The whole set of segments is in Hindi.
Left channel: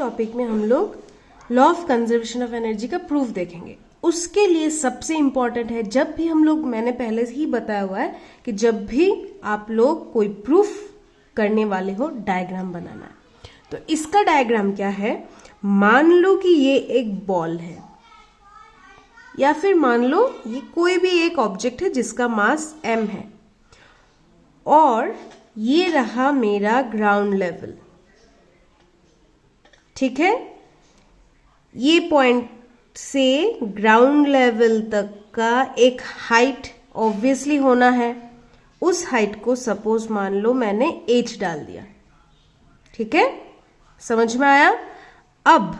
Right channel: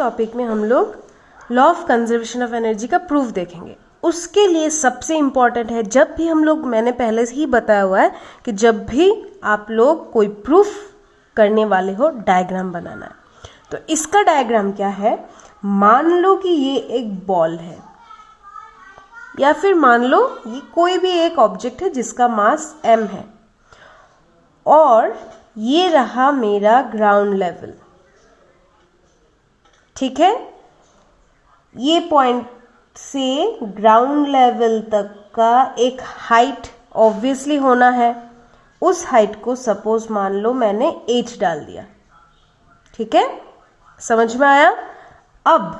टॉपिक में हम लोग law of conservation of energy का प्रूफ देखेंगे। उसके लिए सबसे इम्पॉर्टेंट है, जब भी हम लोग, मैंने पहले से ही बताया हुआ है कि जब भी आप लोग कोई प्रूफ करने वाले हो, डायग्राम बनाना है। तो इसका डायग्राम क्या है, मान लो कि ये एक बॉल है, या फिर मान लो ये कोई भी एक ऑब्जेक्ट है जिसका मास m है, और ये रहा मेरा ग्राउंड लेवल। ठीक है, ये पॉइंट से ग्राउंड लेवल तक का एक हाइट ऑब्वियसली होना है। उस हाइट को सपोज मान लो मैंने h डाल दिया। ठीक है, समझ में आया। अब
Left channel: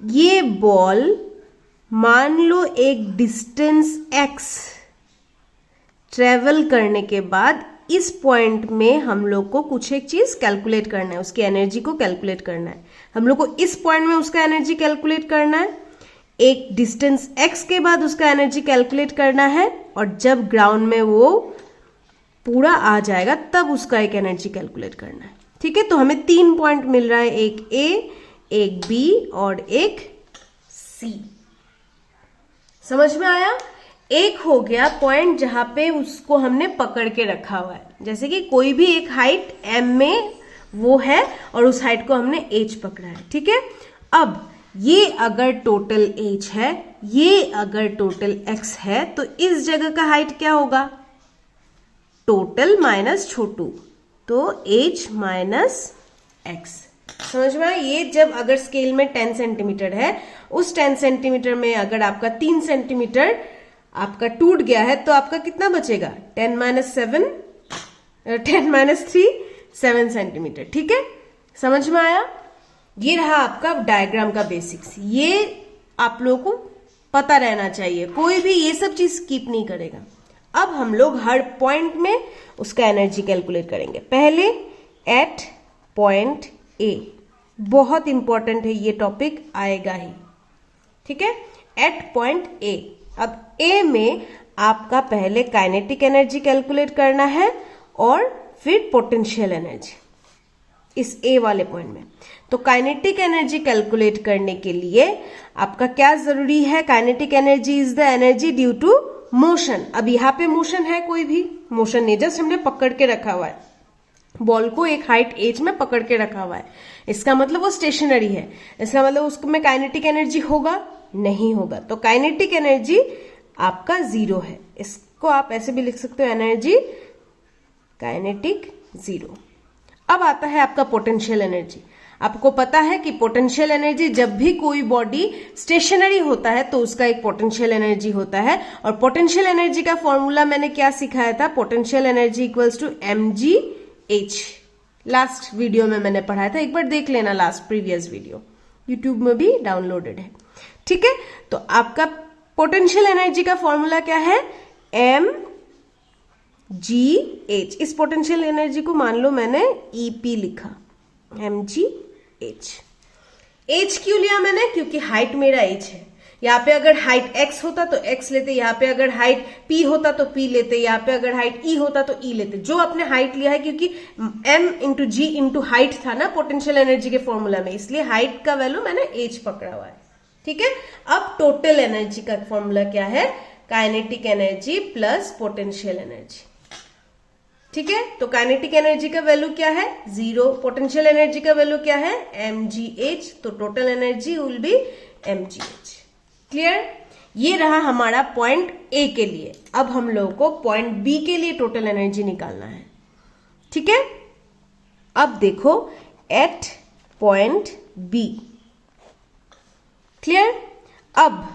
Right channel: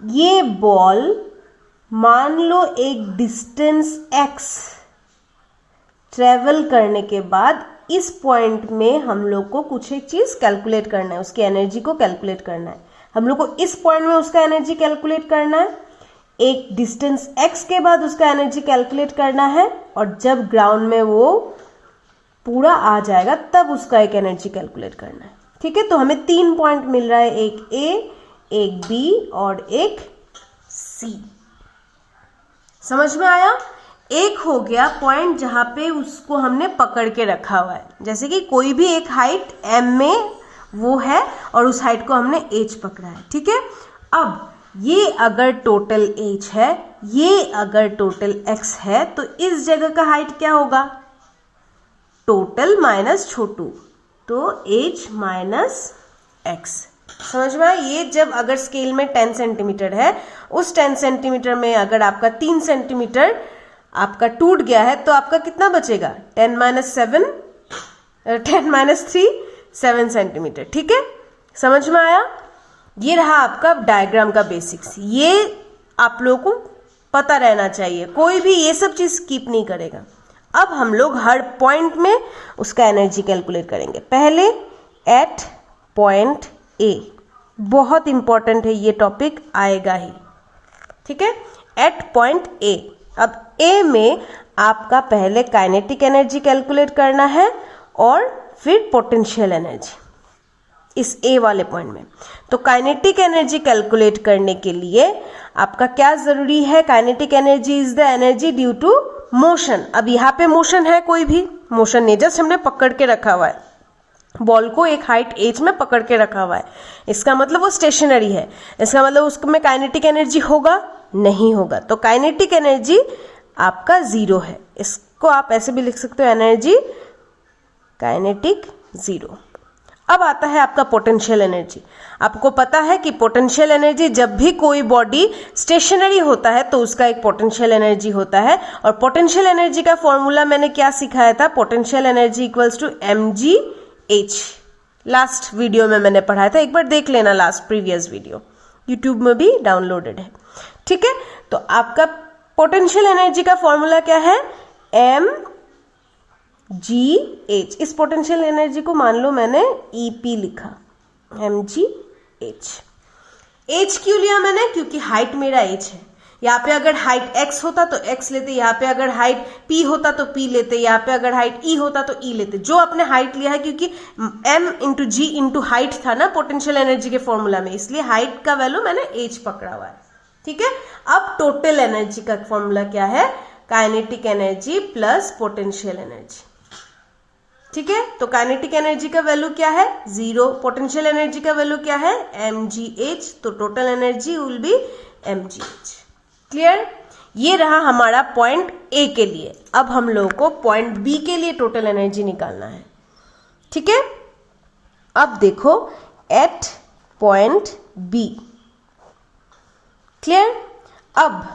ये बॉल मान लो एक डिस्टेंस x ट्रेवल करने के बाद इस पॉइंट में हम लोग को कुछ एक चीज कैलकुलेट करना है, उसकी एनर्जी को कैलकुलेट करना है। हम लोग को इस पॉइंट में उसका एनर्जी कैलकुलेट करना है, एक डिस्टेंस x के बाद उसका एनर्जी कैलकुलेट करना है, और जब ग्राउंड में वो पूरा आ जाएगा तब उसका एक एनर्जी कैलकुलेट करना है। ठीक है, तो हमें 3 पॉइंट मिल रहा है, एक A, एक B और एक C। समझ में आया। एक हो गया पॉइंट जहां पे उसको हमने पकड़ के रखा हुआ है, जैसे कि कोई भी एक हाइट m में वो है और उस हाइट को हमने h पकड़ा है। ठीक है, अब ये अगर टोटल h है, ये अगर टोटल x है, तो इस जगह का हाइट क्या होगा, टोटल माइनस छोटू, तो h माइनस x। समझ में आया। ये जब अगर स्केल में 10 सेंटीमीटर है, उस 10 सेंटीमीटर में अगर आपका 3 सेंटीमीटर आपका टूट गया है, तो आपका कितना बचेगा, 10 माइनस 3 7 सेंटीमीटर। ठीक है, समझ में आया। ये रहा आपका डायग्राम का बेसिक्स। ये आप लोगों को पता रहना चाहिए, कोई भी ये सब चीज स्किप नहीं करेगा। अब हम लोग हर पॉइंट में उसका एनर्जी कैलकुलेट करेंगे। पहले एट पॉइंट ए, बहुत इंपॉर्टेंट है, ये टॉपिक आएगा ही। ठीक है, एट पॉइंट ए। अब ए में आपका पहले काइनेटिक एनर्जी कैलकुलेट करना है और फिर पोटेंशियल एनर्जी इस ए वाले पॉइंट में। तो काइनेटिक एनर्जी कैलकुलेट करने के लिए आपका क्या जरूरी है, kinetic energy is the energy due to motion. अब यहाँ पे मोशन है, कोई भी मोशन नहीं, जस्ट हमने पकड़ के रखा हुआ है बॉल को, एक हाइट h में पकड़ के रखा हुआ है। इसका मतलब वो स्टेशनरी है, इसका मतलब उसमें काइनेटिक एनर्जी होगा, नहीं होगा। तो काइनेटिक एनर्जी आपका 0 है। इसको आप ऐसे भी लिख सकते हो, एनर्जी काइनेटिक 0। अब आता है आपका पोटेंशियल एनर्जी। आपको पता है कि पोटेंशियल एनर्जी, जब भी कोई बॉडी स्टेशनरी होता है तो उसका एक पोटेंशियल एनर्जी होता है। और पोटेंशियल एनर्जी का फॉर्मूला मैंने क्या सिखाया था, potential energy equals to mgh। Last video में मैंने पढ़ाया था, एक बार देख लेना, लास्ट प्रीवियस वीडियो यूट्यूब में भी डाउनलोडेड है। ठीक है, तो आपका पोटेंशियल एनर्जी का फॉर्मूला क्या है, mgh। इस पोटेंशियल एनर्जी को मान लो मैंने EP लिखा, mgh। h क्यों लिया मैंने, क्योंकि हाइट मेरा h है। यहाँ पे अगर हाइट x होता तो x लेते, यहाँ पे अगर हाइट p होता तो p लेते, यहाँ पे अगर हाइट e होता तो e लेते। जो आपने हाइट लिया है, क्योंकि m into g into height था ना पोटेंशियल एनर्जी के फॉर्मूला में, इसलिए हाइट का वैल्यू मैंने h पकड़ा हुआ है। ठीक है, अब टोटल एनर्जी का फॉर्मूला क्या है, kinetic energy plus potential energy. ठीक है, तो काइनेटिक एनर्जी का वैल्यू क्या है, 0। पोटेंशियल एनर्जी का वैल्यू क्या है, mgh। तो total energy will B mgh। Clear. ये रहा हमारा पॉइंट ए के लिए। अब हम लोगों को पॉइंट बी के लिए टोटल एनर्जी निकालना है। ठीक है, अब देखो एट पॉइंट बी। क्लियर। अब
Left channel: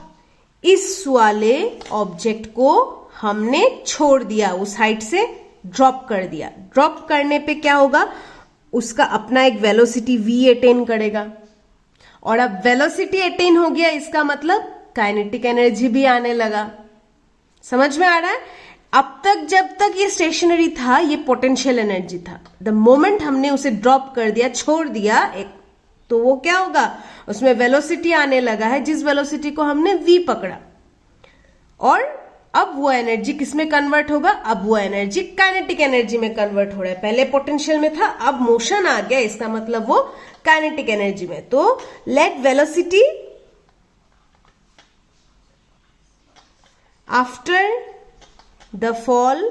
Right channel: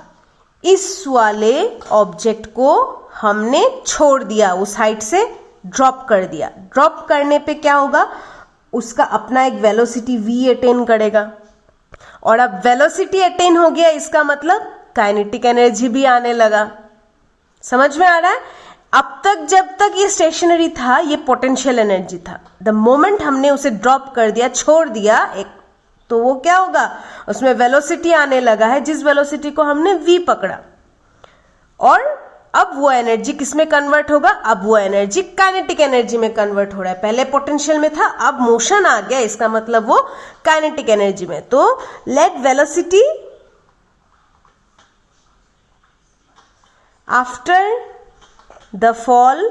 इस वाले ऑब्जेक्ट को हमने छोड़ दिया, उस हाइट से ड्रॉप कर दिया। ड्रॉप करने पे क्या होगा, उसका अपना एक वेलोसिटी v अटेन करेगा, और अब वेलोसिटी अटेन हो गया, इसका मतलब काइनेटिक एनर्जी भी आने लगा। समझ में आ रहा है। अब तक जब तक ये स्टेशनरी था, ये पोटेंशियल एनर्जी था। द मोमेंट हमने उसे ड्रॉप कर दिया, छोड़ दिया एक, तो वो क्या होगा, उसमें वेलोसिटी आने लगा है, जिस वेलोसिटी को हमने v पकड़ा, और अब वो एनर्जी किस में कन्वर्ट होगा, अब वो एनर्जी काइनेटिक एनर्जी में कन्वर्ट हो रहा है। पहले पोटेंशियल में था, अब मोशन आ गया, इसका मतलब वो काइनेटिक एनर्जी में। तो let velocity after the fall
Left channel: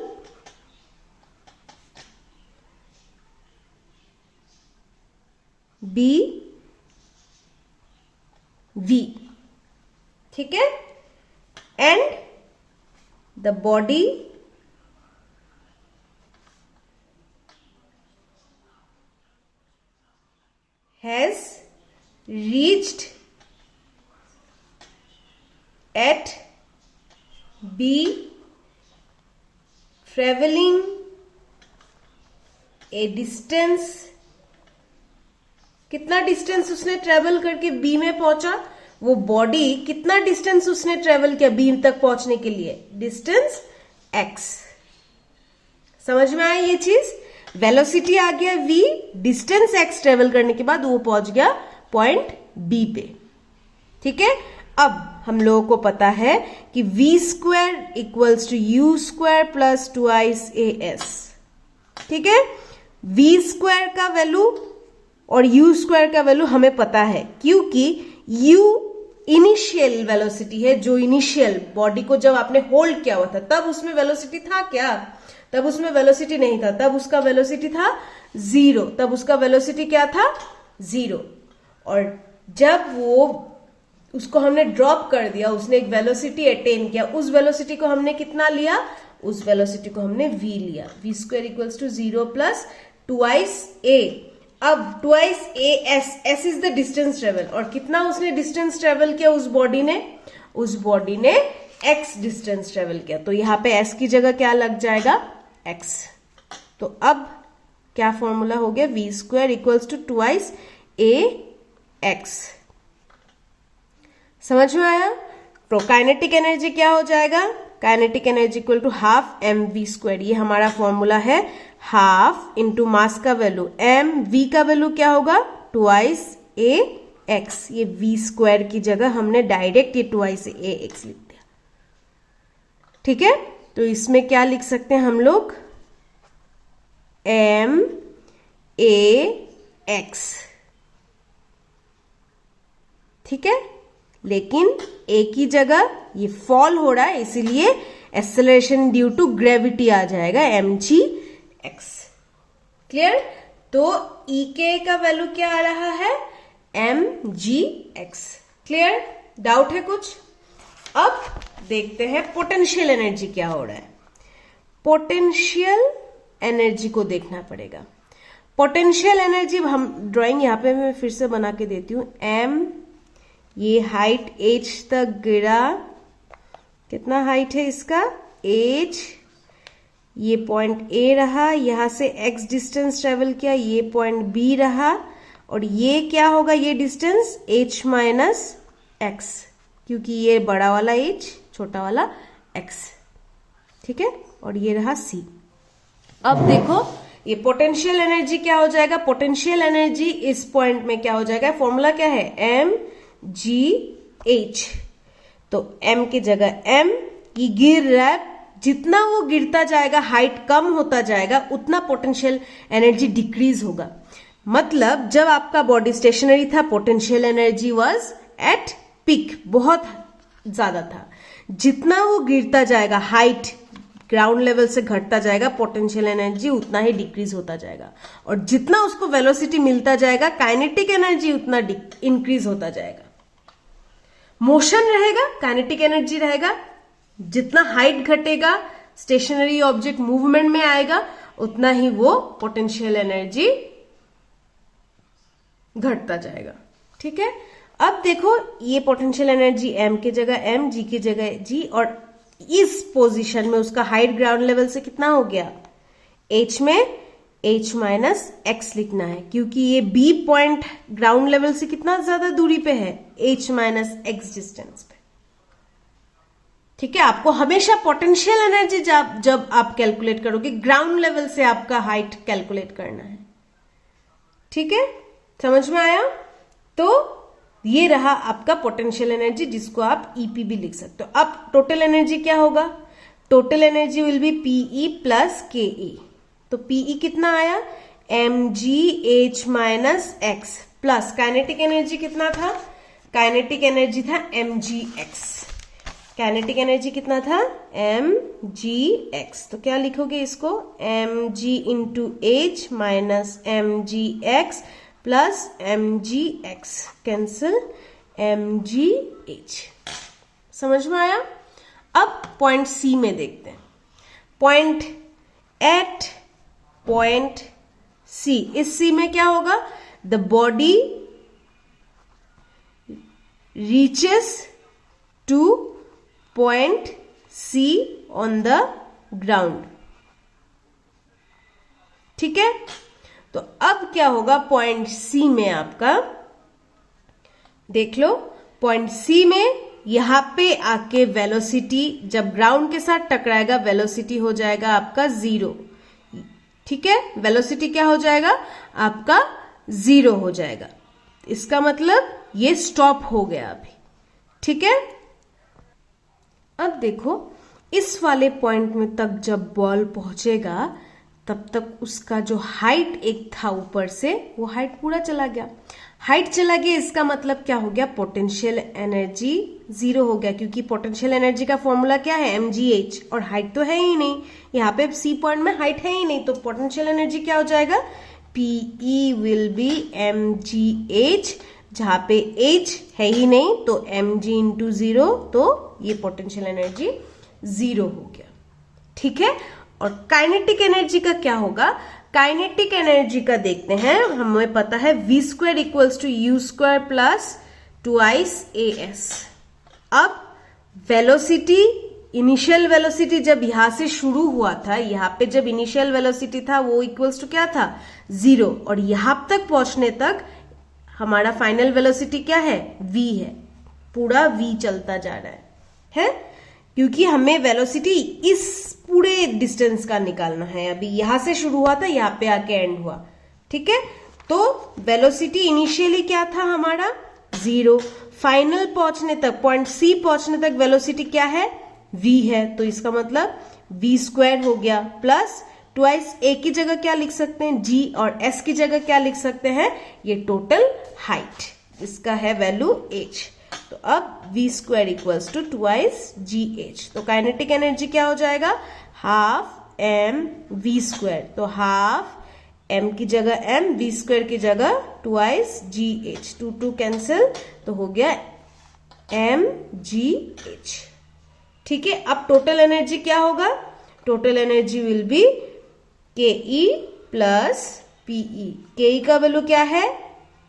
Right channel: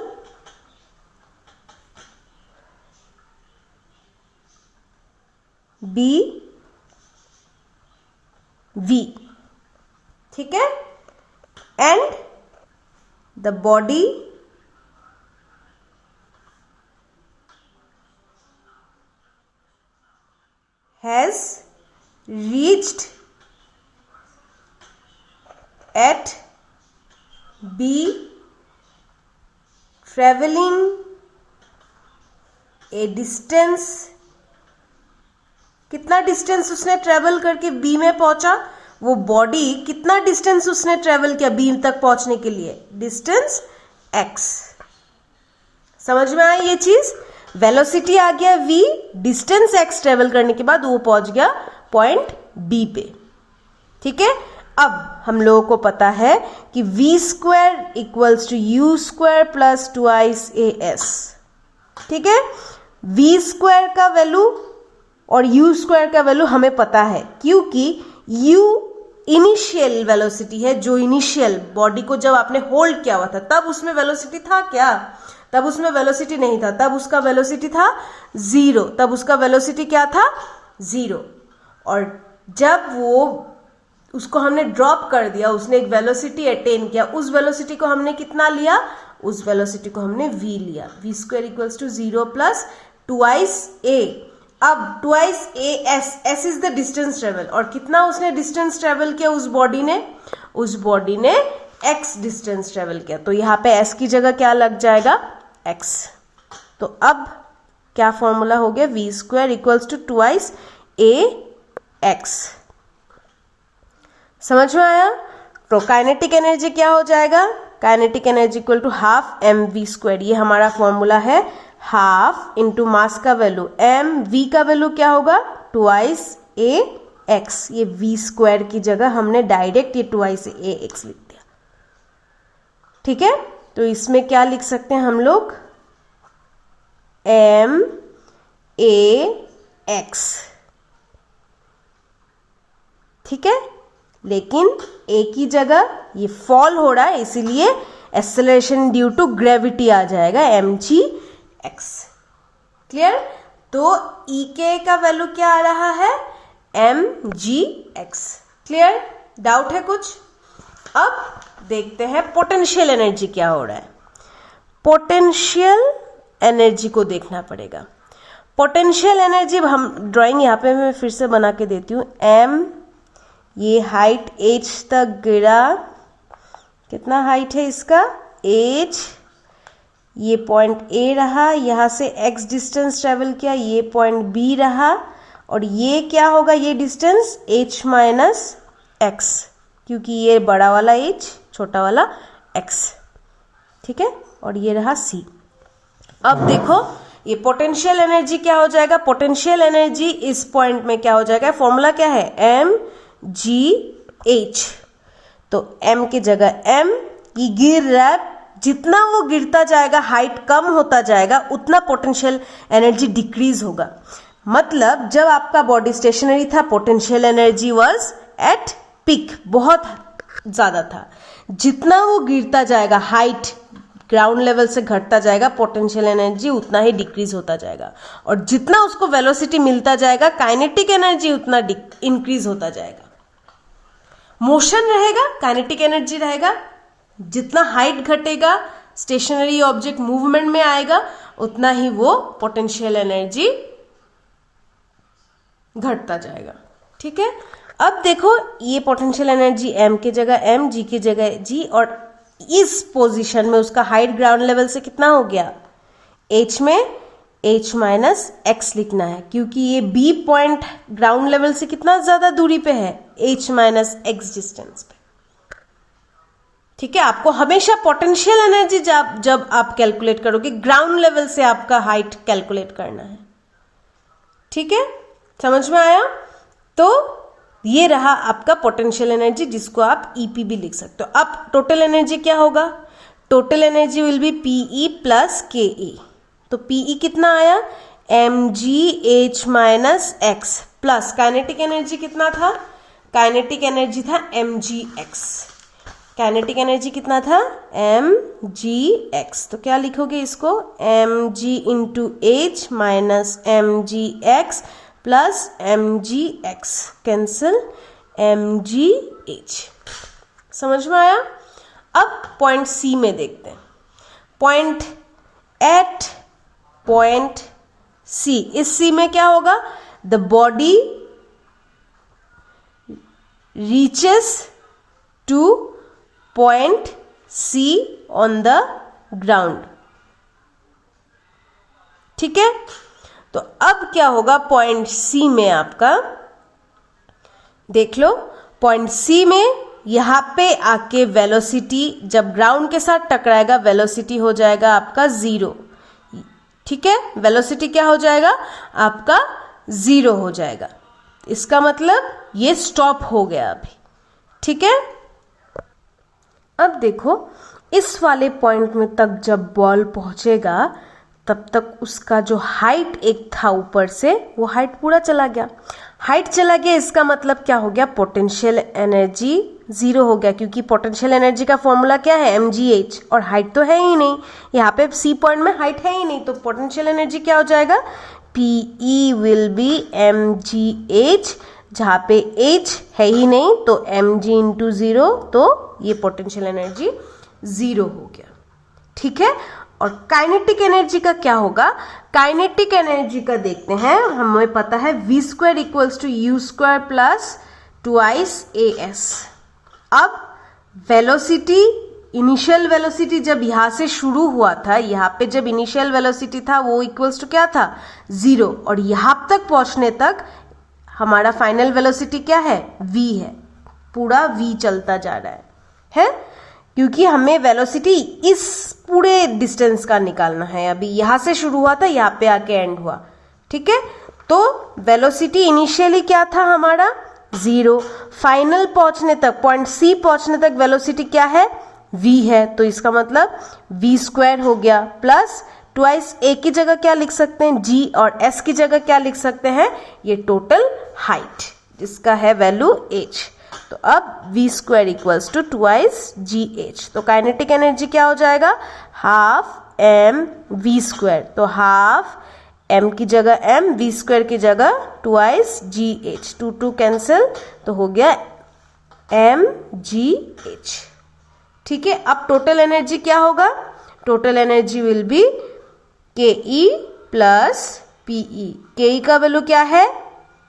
be v, ठीक है, and the body has reached at B travelling a distance, कितना डिस्टेंस उसने ट्रेवल करके बी में पहुंचा, वो बॉडी कितना डिस्टेंस उसने ट्रेवल किया बी तक पहुंचने के लिए, डिस्टेंस x। समझ में आया ये चीज, वेलोसिटी आ गया v, डिस्टेंस x ट्रेवल करने के बाद वो पहुंच गया पॉइंट b पे, ठीक है। अब हम लोगों को पता है कि v square equals to u square plus 2ice as, ठीक है। v स्क्वायर का वैल्यू और u स्क्वायर का वैल्यू हमें पता है, क्योंकि u इनिशियल वेलोसिटी है, जो इनिशियल बॉडी को जब आपने होल्ड किया हुआ था तब उसमें वेलोसिटी था क्या, तब उसमें वेलोसिटी नहीं था, तब उसका वेलोसिटी था 0, तब उसका वेलोसिटी क्या था 0। और जब वो उसको हमने ड्रॉप कर दिया, उसने एक वेलोसिटी अटेन किया, उस वेलोसिटी को हमने कितना लिया, उस वेलोसिटी को हमने v लिया, v square equals to 0 plus 2ice a। अब 2ice as, s is the distance travel, और कितना उसने डिस्टेंस ट्रेवल किया उस बॉडी ने x डिस्टेंस ट्रेवल किया, तो यहाँ पे s की जगह क्या लग जाएगा x। तो अब क्या फॉर्मूला हो गया, v square equals to 2ice ax। समझ में आया। तो काइनेटिक एनर्जी क्या हो जाएगा, kinetic energy equal to half mv square, ये हमारा फॉर्मूला है, हाफ इंटू मास का वैल्यू mv का वैल्यू क्या होगा 2ice ax, ये v स्क्वायर की जगह हमने डायरेक्ट ये 2ice ax लिख दिया, ठीक है। तो इसमें क्या लिख सकते हैं हम लोग, max, ठीक है। लेकिन a की जगह ये फॉल हो रहा है, इसीलिए एक्सेलरेशन ड्यू टू ग्रेविटी आ जाएगा mgx, क्लियर। तो ek का वैल्यू क्या आ रहा है mgx, क्लियर। डाउट है कुछ। अब देखते हैं पोटेंशियल एनर्जी क्या हो रहा है। पोटेंशियल एनर्जी को देखना पड़ेगा। पोटेंशियल एनर्जी हम ड्राइंग यहाँ पे मैं फिर से बना के देती हूँ। m, ये हाइट h तक गिरा, कितना हाइट है इसका h, ये पॉइंट A रहा, यहाँ से x डिस्टेंस ट्रेवल किया, ये पॉइंट B रहा, और ये क्या होगा, ये डिस्टेंस h माइनस x, क्योंकि ये बड़ा वाला h छोटा वाला x, ठीक है। और ये रहा c। अब देखो ये पोटेंशियल एनर्जी क्या हो जाएगा, पोटेंशियल एनर्जी इस पॉइंट में क्या हो जाएगा, फॉर्मूला क्या है mgh। तो m की जगह m, ये गिर रहा है, जितना वो गिरता जाएगा, हाइट कम होता जाएगा, उतना पोटेंशियल एनर्जी डिक्रीज होगा। मतलब जब आपका बॉडी स्टेशनरी था, potential energy was at peak, बहुत ज्यादा था। जितना वो गिरता जाएगा, हाइट ग्राउंड लेवल से घटता जाएगा, पोटेंशियल एनर्जी उतना ही डिक्रीज होता जाएगा, और जितना उसको वेलोसिटी मिलता जाएगा, काइनेटिक एनर्जी उतना इंक्रीज होता जाएगा। मोशन रहेगा, काइनेटिक एनर्जी रहेगा, जितना हाइट घटेगा, स्टेशनरी ऑब्जेक्ट मूवमेंट में आएगा, उतना ही वो पोटेंशियल एनर्जी घटता जाएगा, ठीक है। अब देखो ये पोटेंशियल एनर्जी m की जगह m, g की जगह g, और इस पोजीशन में उसका हाइट ग्राउंड लेवल से कितना हो गया, h में h माइनस x लिखना है, क्योंकि ये b पॉइंट ग्राउंड लेवल से कितना ज्यादा दूरी पे है, h माइनस x डिस्टेंस पे, ठीक है। आपको हमेशा पोटेंशियल एनर्जी जब आप कैलकुलेट करोगे, ग्राउंड लेवल से आपका हाइट कैलकुलेट करना है, ठीक है। समझ में आया। तो ये रहा आपका पोटेंशियल एनर्जी, जिसको आप ईपी भी लिख सकते हो। अब टोटल एनर्जी क्या होगा, total energy will be P E plus K E. तो पीई कितना आया, mgh माइनस एक्स, प्लस काइनेटिक एनर्जी कितना था, काइनेटिक एनर्जी था mgx। काइनेटिक एनर्जी कितना था, mgx। तो क्या लिखोगे इसको, mg into h minus mgx plus mgx, cancel mgh। समझ में आया। अब पॉइंट सी में देखते हैं। पॉइंट एट पॉइंट सी, इस सी में क्या होगा, the body reaches to point C on the ground. ठीक है, तो अब क्या होगा पॉइंट सी में, आपका देख लो, पॉइंट सी में यहां पे आके वेलोसिटी जब ग्राउंड के साथ टकराएगा, वेलोसिटी हो जाएगा आपका 0। ठीक है, वेलोसिटी क्या हो जाएगा आपका 0 हो जाएगा। इसका मतलब ये स्टॉप हो गया अभी। ठीक है, अब देखो इस वाले पॉइंट में तक जब बॉल पहुंचेगा तब तक उसका जो हाइट एक था ऊपर से, वो हाइट पूरा चला गया। हाइट चला गया, इसका मतलब क्या हो गया, पोटेंशियल एनर्जी 0 हो गया, क्योंकि पोटेंशियल एनर्जी का फॉर्मूला क्या है, mgh, और हाइट तो है ही नहीं, यहाँ पे सी पॉइंट में हाइट है ही नहीं, तो पोटेंशियल एनर्जी क्या हो जाएगा, pe विल बी mgh, जहां पे h है ही नहीं तो mg इंटू 0, तो ये पोटेंशियल एनर्जी 0 हो गया। ठीक है, और काइनेटिक एनर्जी का क्या होगा, काइनेटिक एनर्जी का देखते हैं। हमें पता है v square equals to u square plus twice as। अब वेलोसिटी, इनिशियल वेलोसिटी जब यहां से शुरू हुआ था, यहाँ पे जब इनिशियल वेलोसिटी था वो इक्वल्स टू क्या था 0, और यहां तक पहुंचने तक हमारा फाइनल वेलोसिटी क्या है, v है, पूरा v चलता जा रहा है, क्योंकि हमें वेलोसिटी इस पूरे डिस्टेंस का निकालना है। अभी यहां से शुरू हुआ था, यहाँ पे आके एंड हुआ। ठीक है, तो वेलोसिटी इनिशियली क्या था हमारा 0, फाइनल पहुंचने तक, पॉइंट सी पहुंचने तक वेलोसिटी क्या है, v है, तो इसका मतलब v स्क्वायर हो गया प्लस ट्वाइस a की जगह क्या लिख सकते हैं, g, और s की जगह क्या लिख सकते हैं, ये टोटल हाइट, इसका है वैल्यू h। तो अब v square equals to twice gh, तो काइनेटिक एनर्जी क्या हो जाएगा, हाफ m v स्क्वायर, तो हाफ m की जगह m, v स्क्वायर की जगह ट्वाइस gh, 2 2 कैंसिल, तो हो गया mgh। ठीक है, अब टोटल एनर्जी क्या होगा, total energy will B ke plus pe। ke का वैल्यू क्या है,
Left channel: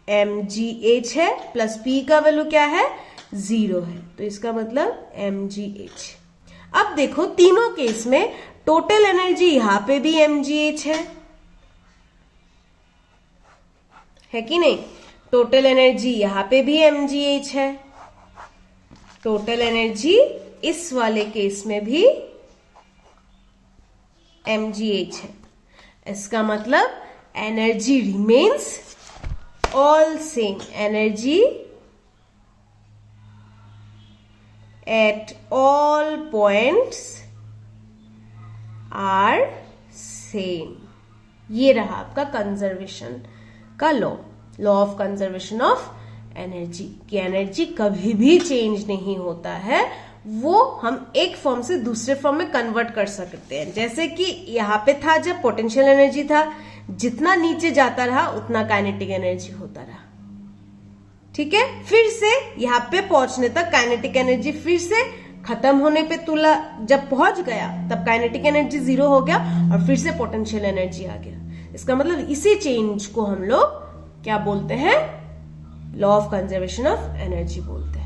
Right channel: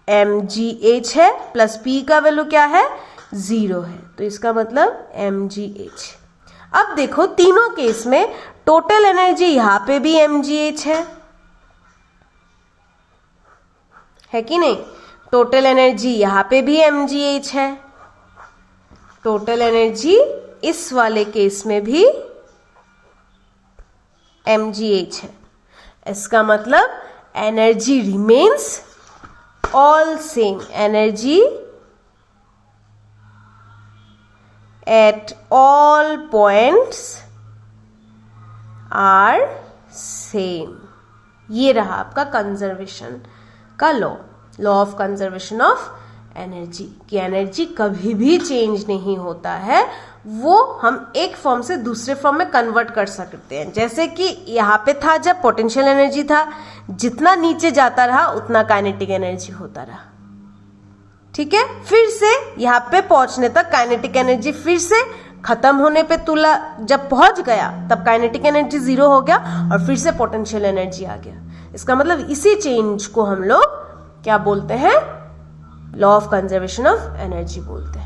mgh है, प्लस p का वैल्यू क्या है 0 है, तो इसका मतलब mgh। अब देखो तीनों केस में टोटल एनर्जी यहां पे भी mgh है कि नहीं, टोटल एनर्जी यहां पे भी mgh है, टोटल एनर्जी इस वाले केस में भी mgh है। इसका मतलब energy remains all same, energy at all points are same. ये रहा आपका कंजर्वेशन का law, law of conservation of energy, कि एनर्जी कभी भी चेंज नहीं होता है, वो हम एक फॉर्म से दूसरे फॉर्म में कन्वर्ट कर सकते हैं। जैसे कि यहाँ पे था जब पोटेंशियल एनर्जी था, जितना नीचे जाता रहा उतना काइनेटिक एनर्जी होता रहा। ठीक है, फिर से यहाँ पे पहुंचने तक काइनेटिक एनर्जी फिर से खत्म होने पे तुला जब पहुंच गया तब काइनेटिक एनर्जी 0 हो गया और फिर से पोटेंशियल एनर्जी आ गया। इसका मतलब इसी चेंज को हम लोग क्या बोलते हैं, law of conservation of energy बोलते हैं।